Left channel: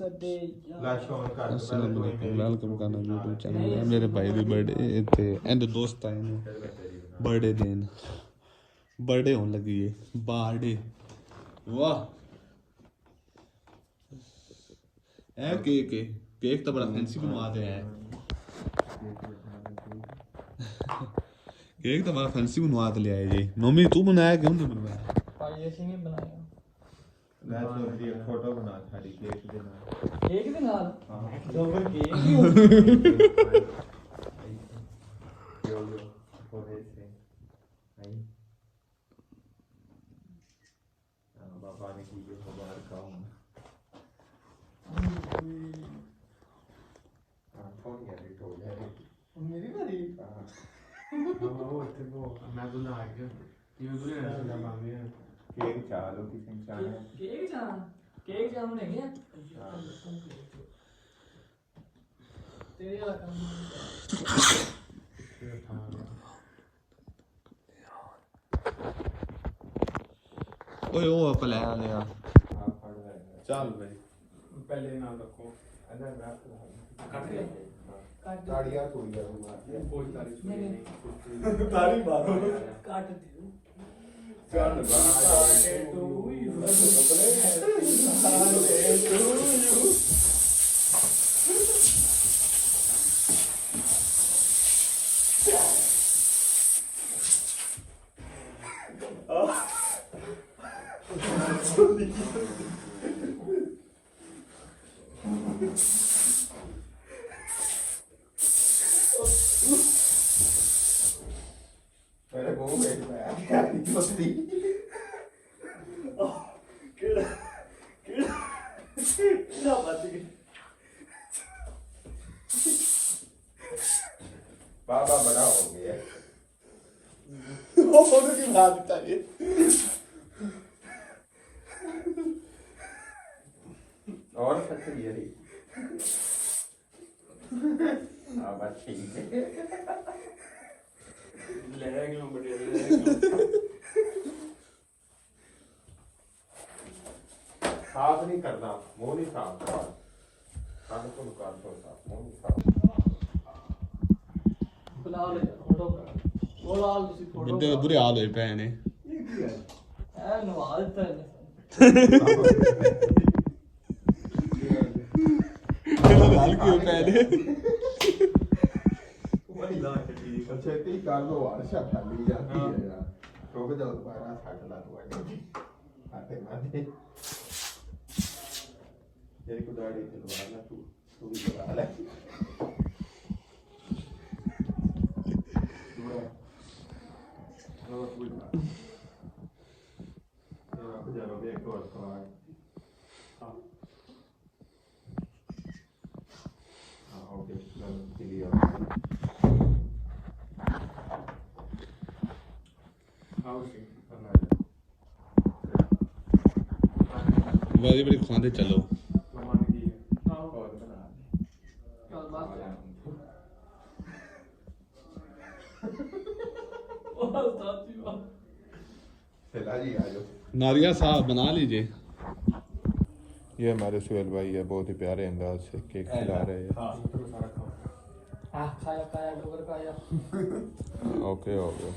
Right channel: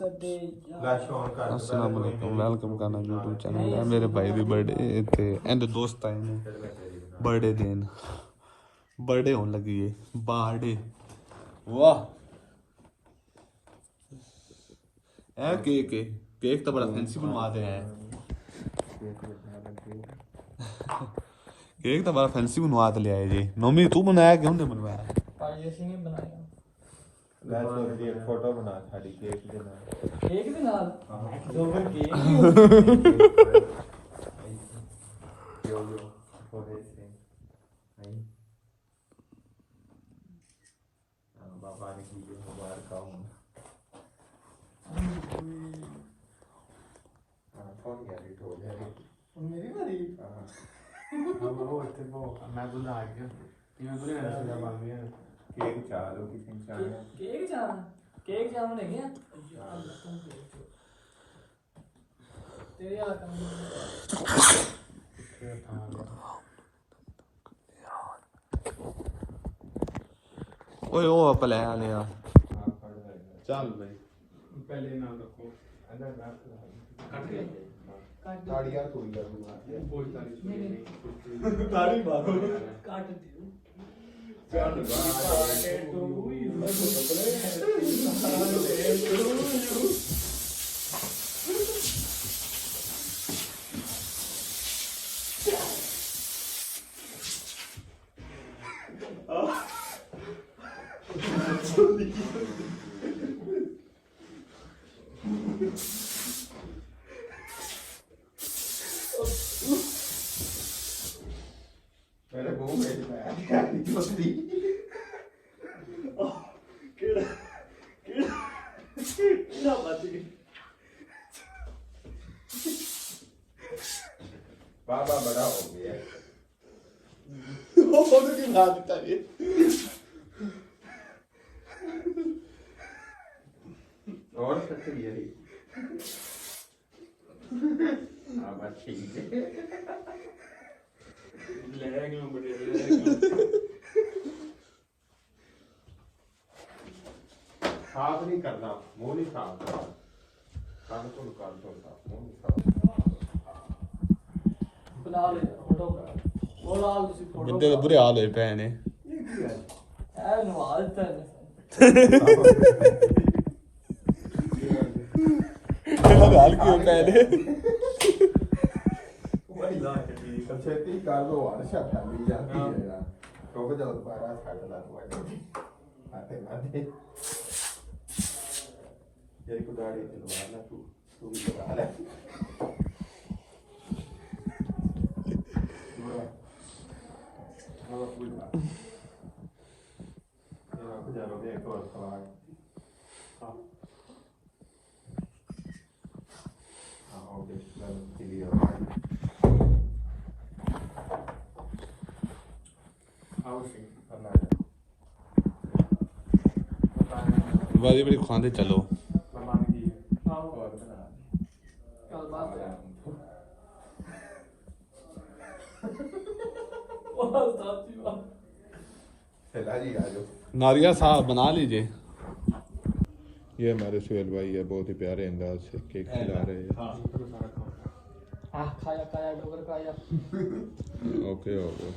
अस्सलाम वालेकुम, वेलकम करना यूट्यूब चैनल है। मेरे भाई दी बर्थडे ते एंड दोस्त आए ने बर्थडे देन, बर्थडे होने लगी है बर्थडे। वाह है केक है, केक तो बड़ा फैंसी बनवाते हैं। केक तो बड़ा फैंसी बनवा के ले आए जी। मम्मी तू बनाया क्यों नहीं बनवाया? एक फोटो बना साड़ी केक के नाल, केक के नाल हां सुपर केक यो यो पोरे से नहीं बाबा ने की मुबारक हो फोन किया भी तो है मेरी बारी हां वो थे वो मैं बुला गया ये बुरे ऐसे जमाने हैं। केक चाह लो किसी ने चाह केक चाह लेंगे तेरे वाला काम ओए ओ अपने आने यार चल भाई पहले नाम रखो ताड़ियां कोई करूंगा कोई ताड़ी बात काट मेरे को बाबा बड़ा हो गया वो फोटो की बात बताइए और सकते भी है हाँ बस ठीक है लड़ेंगे हम बड़े साफ नहीं करना मुंह नहीं साफ करना कान को निकाल दो मुंह नहीं साफ बुला ले फोटो वो लाल उसी फोटो कितने बुरे हाल होए पे ने है नवाज तन चलो हाल क्यों पे ने भाई ला के अच्छा ती काल लो वर्षा फैली जाती है यार तो को जल्द पारा छागला तो आते आते एक उदाड़ी तो वाला तू भी तो वाला बड़ी बड़ी खांदे चलो नारियल साहब बना लीजिए। ये हमारे सुहेल भाई है, बहुत ही प्यारे अंदाज से केक खिला रहे हैं। Okay okay